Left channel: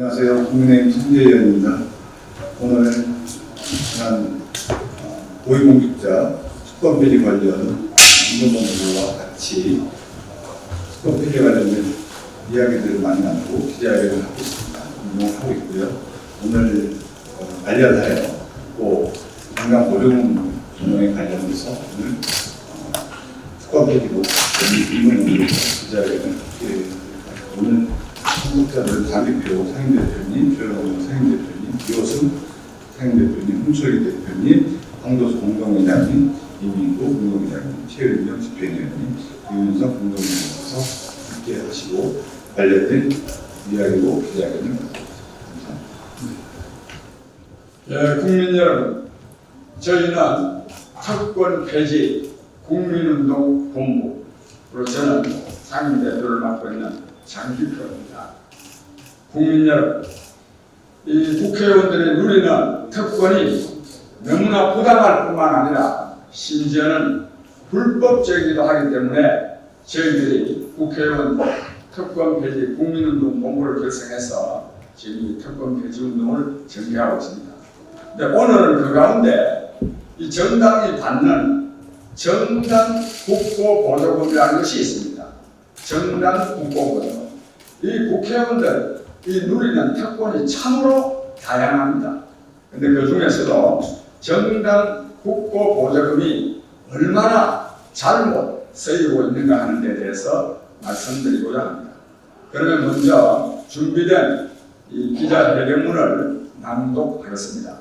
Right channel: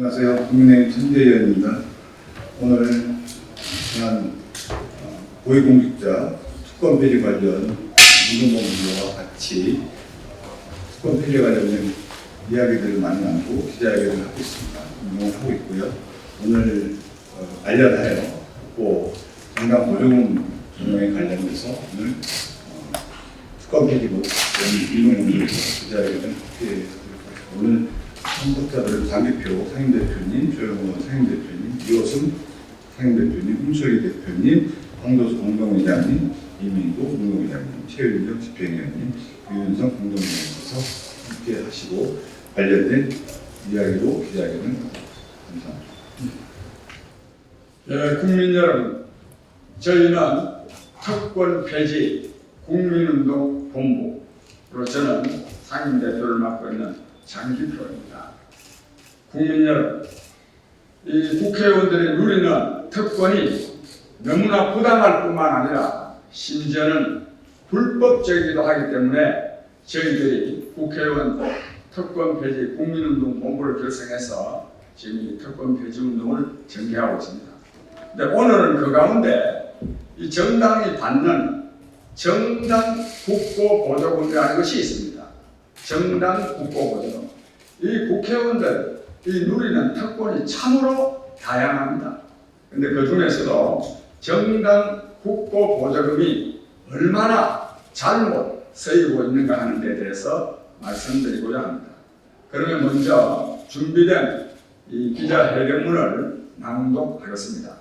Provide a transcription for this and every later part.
안녕하세요. 국민의힘 천재위원입니다. 오늘 지난 어, 고위공직자 특권 비리 관련 민주노동부와 같이 특권 비리 관련된 이야기들을 많이 나누고 기자회견을 하고 있습니다. 운동을 하고 있고요. 오늘 어, 관련하여 또 강강 보조금 운동에 관련해서 오늘 어, 특권 비리로 민주노동부에서 기자회견을 함께 오늘 한국자들 장기표 상임대표님, 조영호 상임대표님, 이호승 상임대표님, 홍철희 대표님, 황도수 공동회장님, 이민구 공동회장님, 최윤정 집행위원님, 유윤석 공동회장님께서 함께 하시고 관련된 이야기로 기자회견을 갖고 있습니다. 감사합니다. 예, 국민 여러분, 저희는 특권 폐지 국민운동 본부로 저는 상임대표를 맡고 있는 장기표입니다. 국민 여러분, 이 국회의원들이 누리는 특권이 너무나 부당할 뿐만 아니라 심지어는 불법적이기도 하기 때문에 저희들이 국회의원 특권 폐지 국민운동 본부를 결성해서 지금 이 특권 폐지 운동을 전개하고 있습니다. 근데 오늘은 그 가운데 이 정당이 받는 정당 국고 보조금이라는 것이 있습니다. 정당 보조금. 이 국회의원들 이 누리는 특권이 참으로 다양합니다. 근데 그 중에서도 정당 국고 보조금이 얼마나 잘못 쓰이고 있는가 하는 데 대해서 말씀드리고자 합니다. 그러면 먼저 준비된 이 기자회견문을 낭독하겠습니다.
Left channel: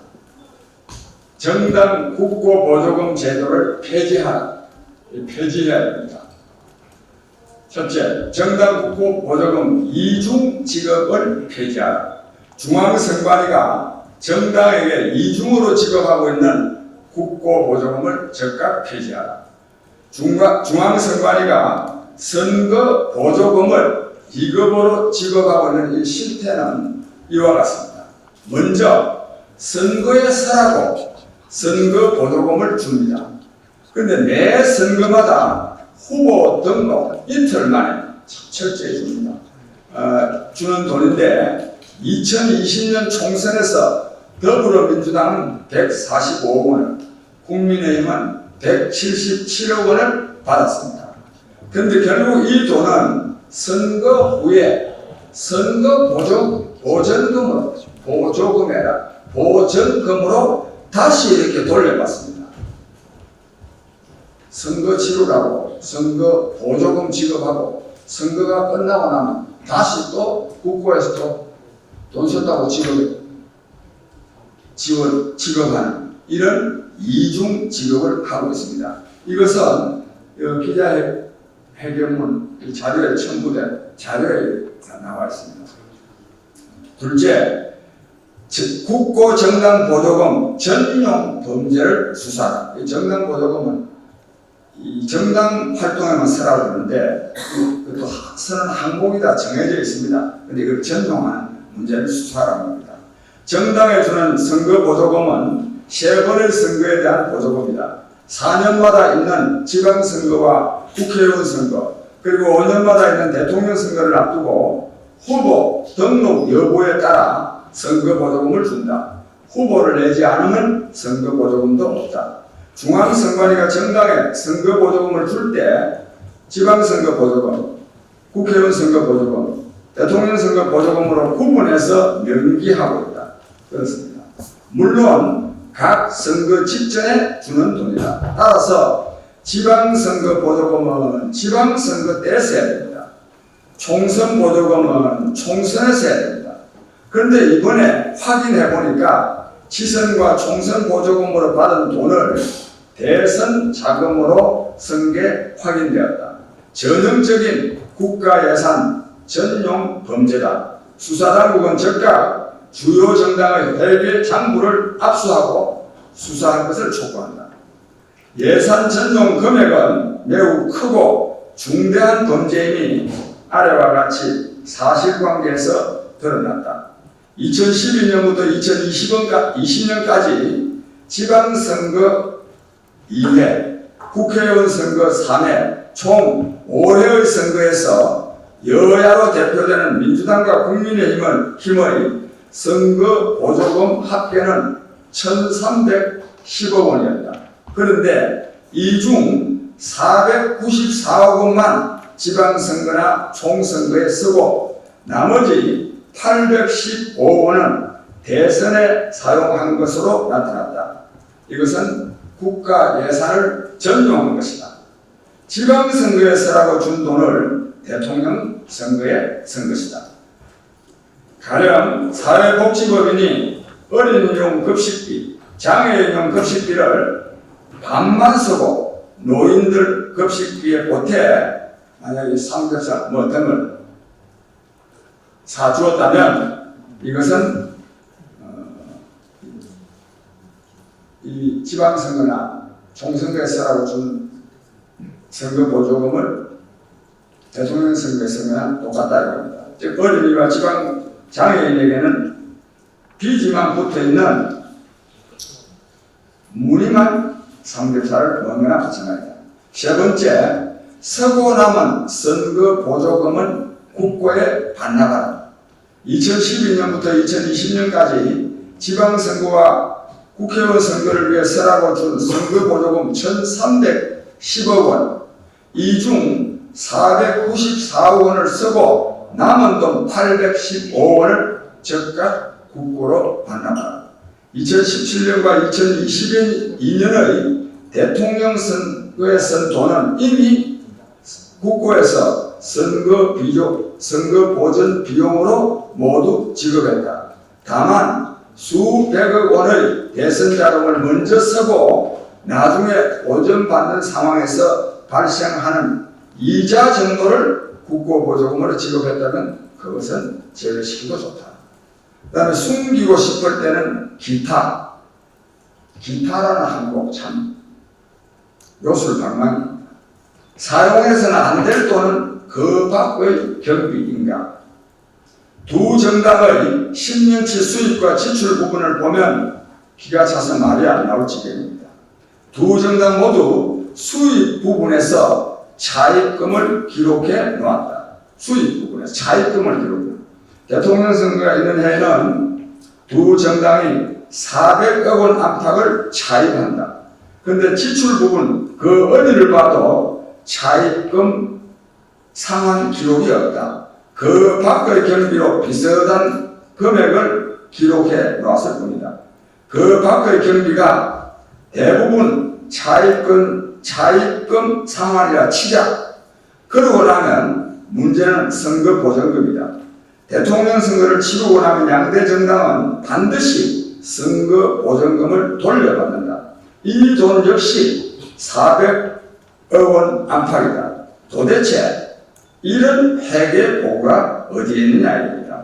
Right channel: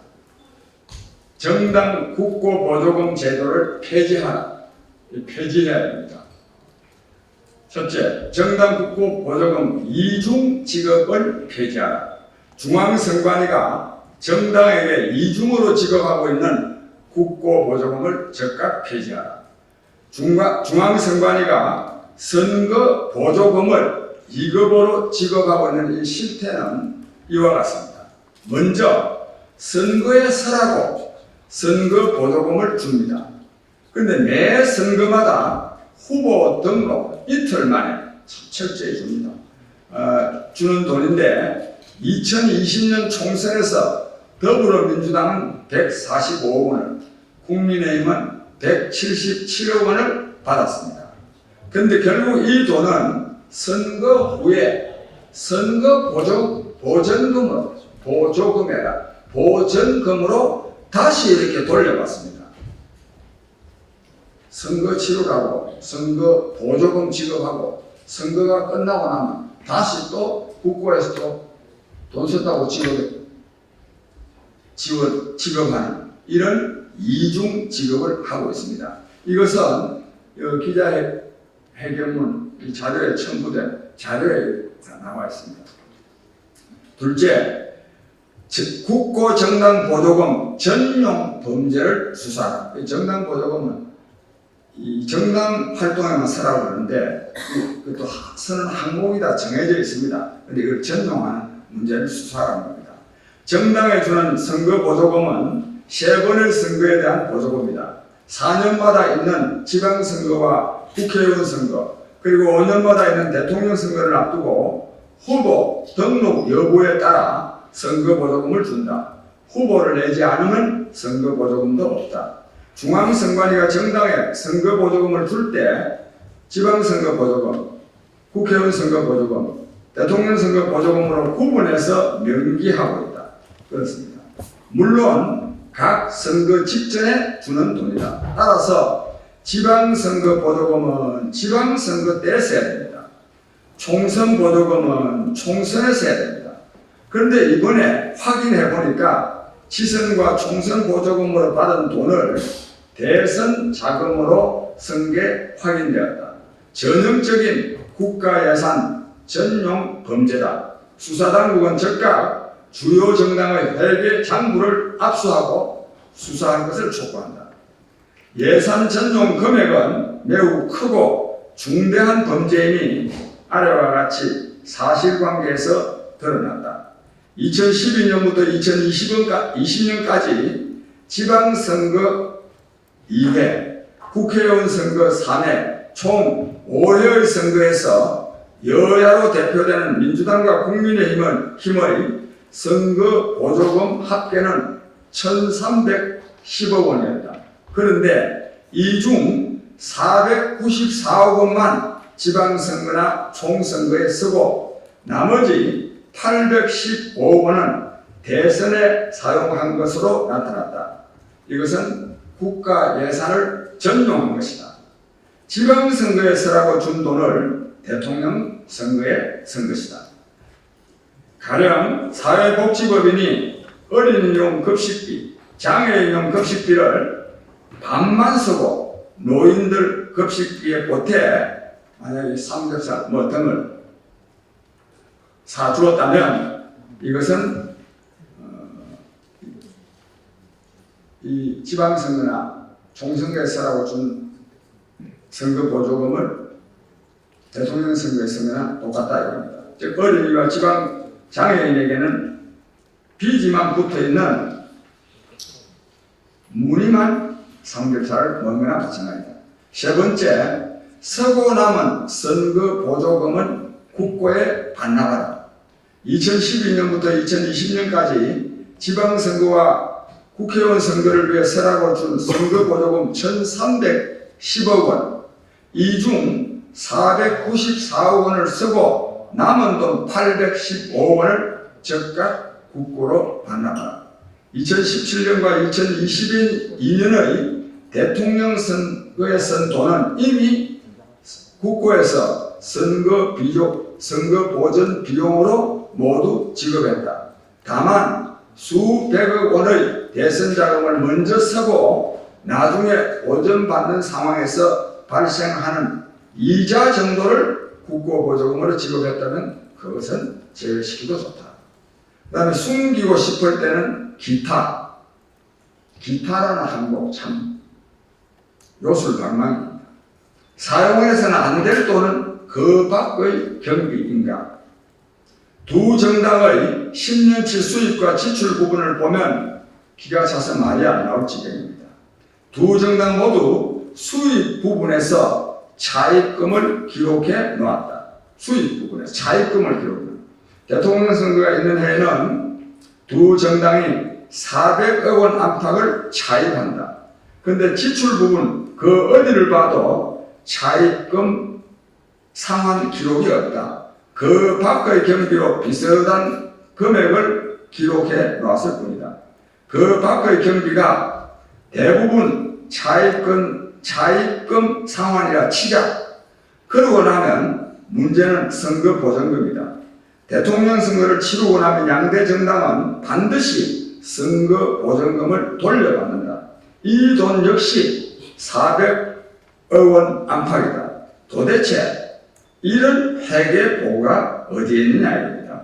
정당 국고 보조금 제도를 폐지하라. 이 폐지해야 됩니다. 첫째, 정당 국고 보조금 이중 지급을 폐지하라. 중앙선관위가 정당에게 이중으로 지급하고 있는 국고 보조금을 즉각 폐지하라. 중과, 중앙선관위가 선거 보조금을 2급으로 지급하고 있는 이 실태는 이와 같습니다. 먼저 선거에 서라고 선거 보조금을 줍니다. 그런데 매 선거마다 후보 등록 이틀 만에 철저히 줍니다. 어, 주는 돈인데 2020년 총선에서 더불어민주당은 145억 원을, 국민의힘은 177억 원을 받았습니다. 그런데 결국 이 돈은 선거 후에 선거 보조, 보전금으로, 보조금이라 보전금으로 다시 이렇게 돌려받습니다. 선거 치르라고 선거 보조금 지급하고 선거가 끝나고 나면 다시 또 국고에서 또 돈 썼다고 지급, 지원, 지급하는 이런 이중 지급을 하고 있습니다. 이것은 어, 기자회견문 이 자료에 첨부된 자료에 다 나와 있습니다. 둘째, 즉, 국고 정당 보조금 전용 범죄를 수사하라. 이 정당 보조금은 이 정당 활동에만 쓰라고 그러는데 그것도 쓰는 항목이 다 정해져 있습니다. 근데 이걸 전용하는 문제를 수사하라는 겁니다. 정당에 주는 선거 보조금은 세 번의 선거에 대한 보조금이다. 4년마다 있는 지방선거와 국회의원 선거 그리고 5년마다 있는 대통령 선거를 앞두고 후보 등록 여부에 따라 선거 보조금을 준다. 후보를 내지 않으면 선거 보조금도 없다. 중앙선관위가 정당에 선거 보조금을 줄 때 지방선거 보조금, 국회의원 선거 보조금, 대통령 선거 보조금으로 구분해서 명기하고 있다. 그렇습니다. 물론 각 선거 직전에 주는 돈이다. 따라서 지방선거 보조금은 지방선거 때 써야 됩니다. 총선 보조금은 총선에 써야 됩니다. 그런데 이번에 확인해 보니까 지선과 총선 보조금으로 받은 돈을 대선 자금으로 쓴게 확인되었다. 전형적인 국가 예산 전용 범죄다. 수사당국은 즉각 주요 정당의 회계 장부를 압수하고 수사한 것을 촉구한다. 예산 전용 금액은 매우 크고 중대한 범죄임이 아래와 같이 사실관계에서 드러났다. 2012년부터 2020년까지 지방선거 2회, 국회의원 선거 3회, 총 5회의 선거에서 여야로 대표되는 민주당과 국민의힘은 힘의 선거 보조금 합계는 1,310억 원이었다. 그런데 이 중 494억 원만 지방선거나 총선거에 쓰고 나머지 815억 원은 대선에 사용한 것으로 나타났다. 이것은 국가 예산을 전용한 것이다. 지방선거에 쓰라고 준 돈을 대통령 선거에 쓴 것이다. 가령 사회복지법인이 어린이용 급식비, 장애인용 급식비를 반만 쓰고 노인들 급식비에 보태 만약에 삼겹살 뭐 등을 사주었다면 이것은 이 지방선거나 총선거에 쓰라고 준 선거 보조금을 대통령 선거에 쓰면 똑같다 이겁니다. 즉 어린이와 지방 장애인에게는 비지만 붙어 있는 무늬만 삼겹살을 먹는 거나 마찬가지다. 세 번째, 서고 남은 선거 보조금은 국고에 반납하라. 2012년부터 2020년까지 지방선거와 국회의원 선거를 위해 쓰라고 준 선거 보조금 1,310억 원, 이 중 494억 원을 쓰고 남은 돈 815억 원을 즉각 국고로 반납하라. 2017년과 2022년의 대통령 선거에 쓴 돈은 이미 국고에서 선거 비용, 선거 보전 비용으로 모두 지급했다. 다만 수백억 원의 대선 자금을 먼저 쓰고 나중에 보전받는 상황에서 발생하는 이자 정도를 국고 보조금으로 지급했다면 그것은 제외시키고 좋다. 그 다음에 숨기고 싶을 때는 기타. 기타라는 한국 참 요술방망입니다. 사용해서는 안 될 돈은 그 밖의 경비인가. 두 정당의 10년치 수입과 지출 부분을 보면 기가 차서 말이 안 나올 지경입니다. 두 정당 모두 수입 부분에서 차입금을 기록해 놓았다. 수입 부분에서 차입금을 기록해 대통령 선거가 있는 해에는 두 정당이 400억 원 안팎을 차입한다. 근데 지출 부분 그 어디를 봐도 차입금 상환 기록이 없다. 그 밖의 경비로 비슷한 금액을 기록해 놓았을 뿐이다. 그 밖의 경비가 대부분 차입금, 차입금 상환이라 치자. 그러고 나면 문제는 선거 보전금이다. 대통령 선거를 치르고 나면 양대 정당은 반드시 선거 보전금을 돌려받는다. 이 돈 역시 400억 원 안팎이다. 도대체 이런 회계 보고가 어디에 있느냐입니다.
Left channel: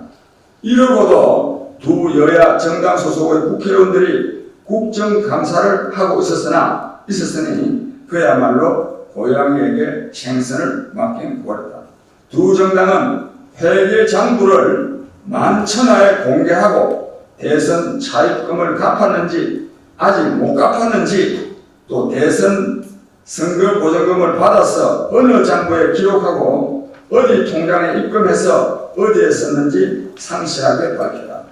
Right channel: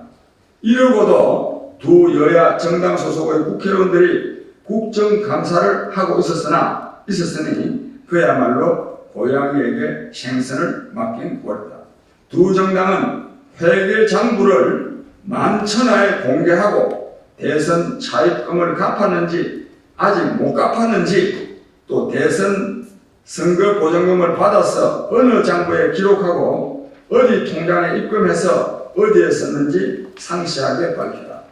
이러고도 두 여야 정당 소속의 국회의원들이 국정감사를 하고 있었으나 있었으니 그야말로 고양이에게 생선을 맡긴 꼴이다. 두 정당은 회계 장부를 만천하에 공개하고 대선 차입금을 갚았는지 아직 못 갚았는지 또 대선 선거 보전금을 받아서 어느 장부에 기록하고 어디 통장에 입금해서 어디에 썼는지 상세하게 밝혀라.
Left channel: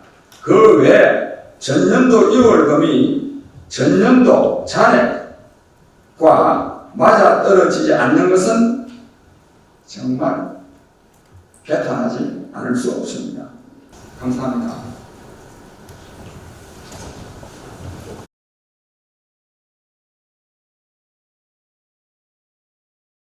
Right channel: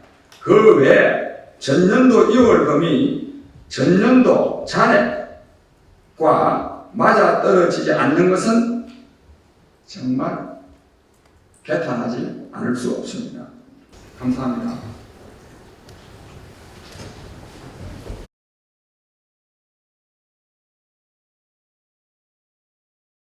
그 외에 전년도 2월금이 전년도 잔액과 맞아 떨어지지 않는 것은 정말 개탄하지 않을 수 없습니다. 감사합니다.